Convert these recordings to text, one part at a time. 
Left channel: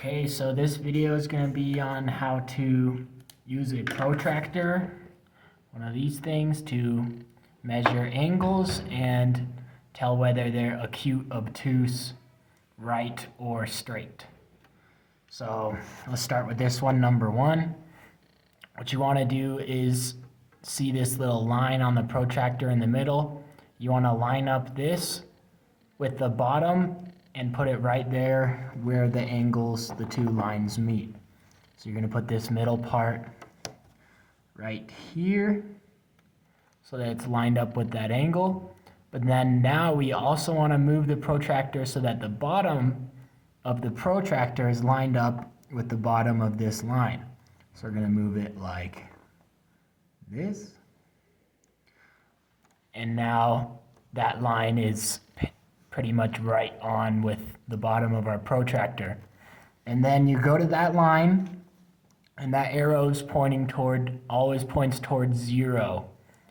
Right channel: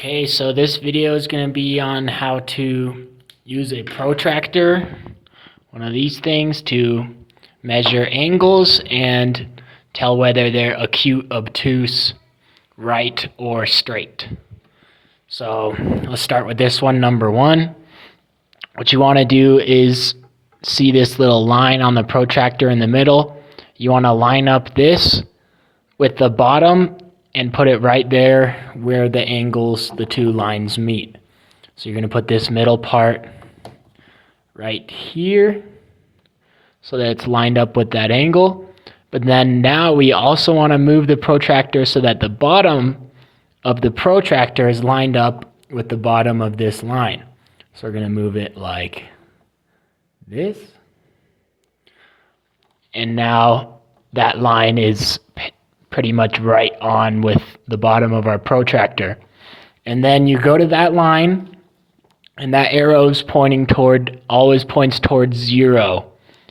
Okay, so this video is going to be on how to use a protractor, one of these things, to measure angles and tell whether they're acute, obtuse, right, or straight. So let's start with this one, number one. What you want to do is see this little line on the protractor in the middle. You want to line up this with the bottom and put it right there where the angles, the two lines meet. So you're going to put this middle part right here so that it's lined up with that angle. But then now we also want to move the protractor so that the bottom of the protractor is lined up with the bottom of this line. So we're going to move it like this. And now that line is pretty much right on with the bottom of our protractor. And then you go to that line, and that arrow is pointing toward, always points towards 0.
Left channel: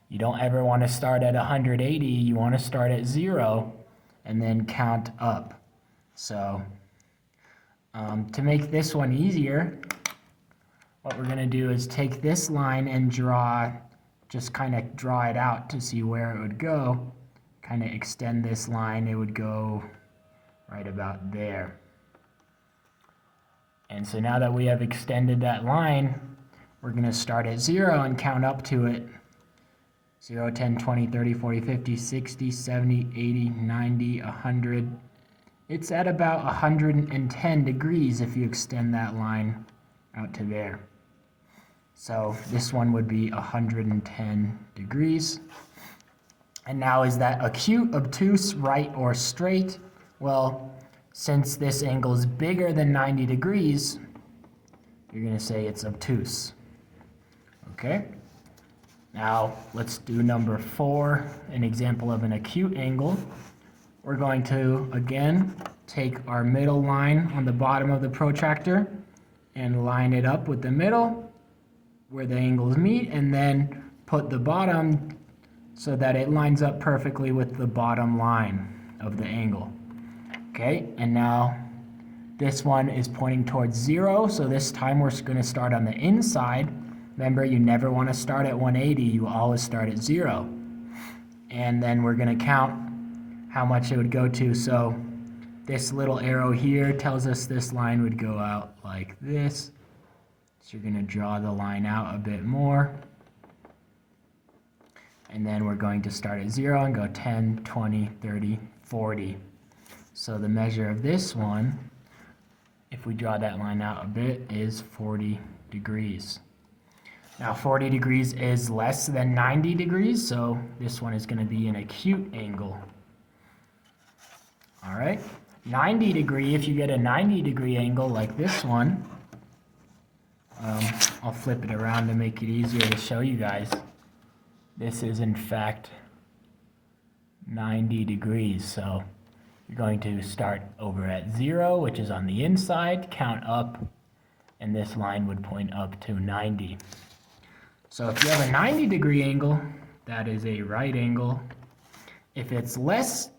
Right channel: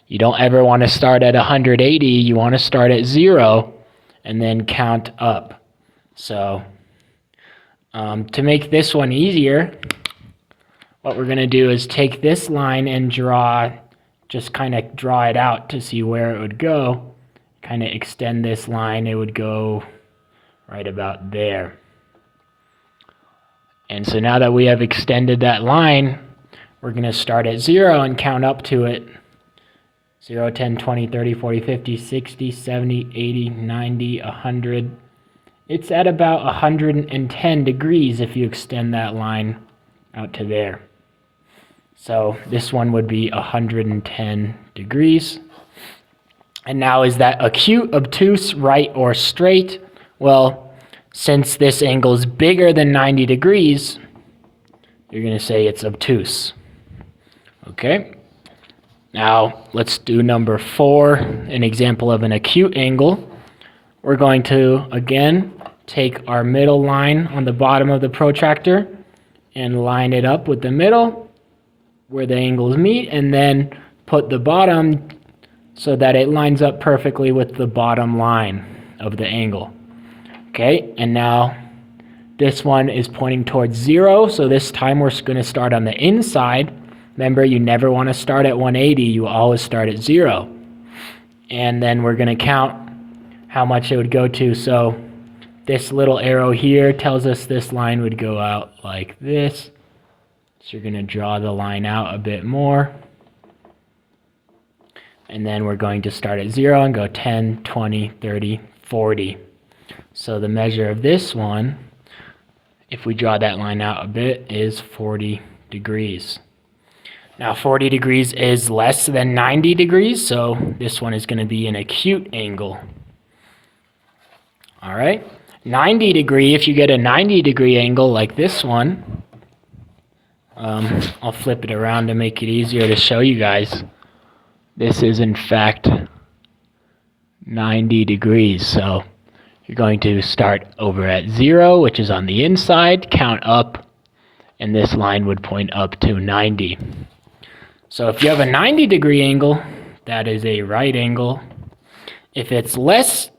You don't ever want to start at 180. You want to start at 0 and then count up. So to make this one easier, what we're going to do is take this line and just kind of draw it out to see where it would go. Kind of extend this line, it would go right about there. And so now that we have extended that line, we're going to start at 0 and count up to it. 0, 10, 20, 30, 40, 50, 60, 70, 80, 90, 100. It's at about 110 degrees if you extend that line out to there. So this one would be 110 degrees. And now, is that acute, obtuse, right, or straight? Well, since this angle is bigger than 90 degrees, you're going to say it's obtuse. Okay? Now, let's do number 4, an example of an acute angle. We're going to, again, take our middle line on the bottom of the protractor and line it up with the middle where the angles meet, and then put the bottom so that it lines up perfectly with the bottom line of the angle. Okay, and now this one is pointing towards 0, so this time we're going to start on the inside. Remember, you never want to start at 180, you always start at 0. And then we're going to count how much it would go to. So this little arrow here tells us this line would go out like this. So you're going to draw the line out a bit more. And then we're going to start at 0 and go 10, 20, 30, 40. So the measure of this one, if we draw that line out a bit, is 40 degrees. Now 40 degrees is less than 90 degrees, so this one is going to be an acute angle. All right, 90 degree, if you get a 90 degree angle like this one, I'll flip it around to make it easier to show you guys. This is, in fact, 90 degrees. So you're going to start over at 0, which is on the inside, count up, and this line would point up to 90. So if you have a 90 degree angle, that is a right angle. If it's less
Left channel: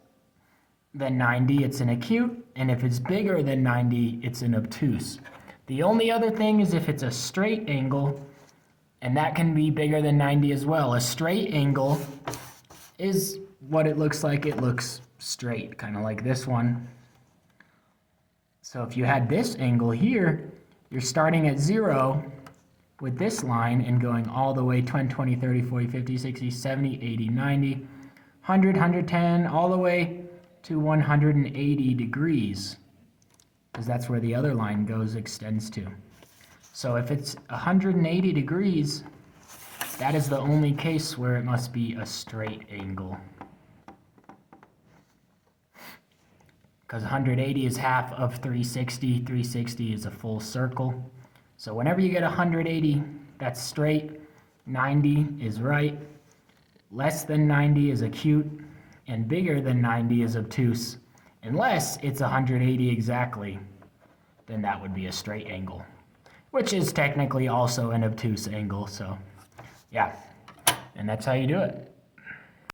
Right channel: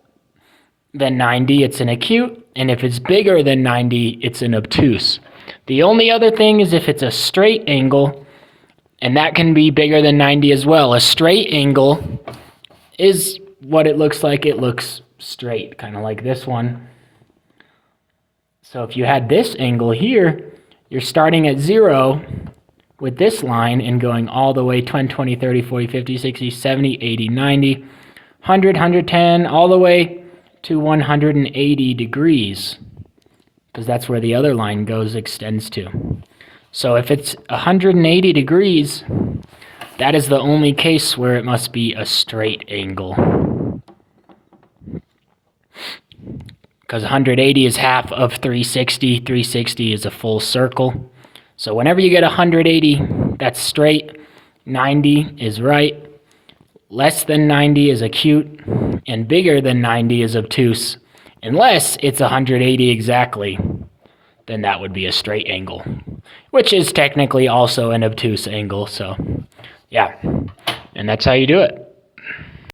than 90, it's an acute, and if it's bigger than 90, it's an obtuse. The only other thing is if it's a straight angle, and that can be bigger than 90 as well. A straight angle is what it looks like. It looks straight, kind of like this one. So if you had this angle here, you're starting at 0 with this line and going all the way 10, 20, 30, 40, 50, 60, 70, 80, 90, 100, 110, all the way to 180 degrees, because that's where the other line extends to. So if it's 180 degrees, that is the only case where it must be a straight angle. Because 180 is half of 360. 360 is a full circle. So whenever you get 180, that's straight. 90 is right. Less than 90 is acute. And bigger than 90 is obtuse. Unless it's 180 exactly, then that would be a straight angle, which is technically also an obtuse angle. So yeah, and that's how you do it.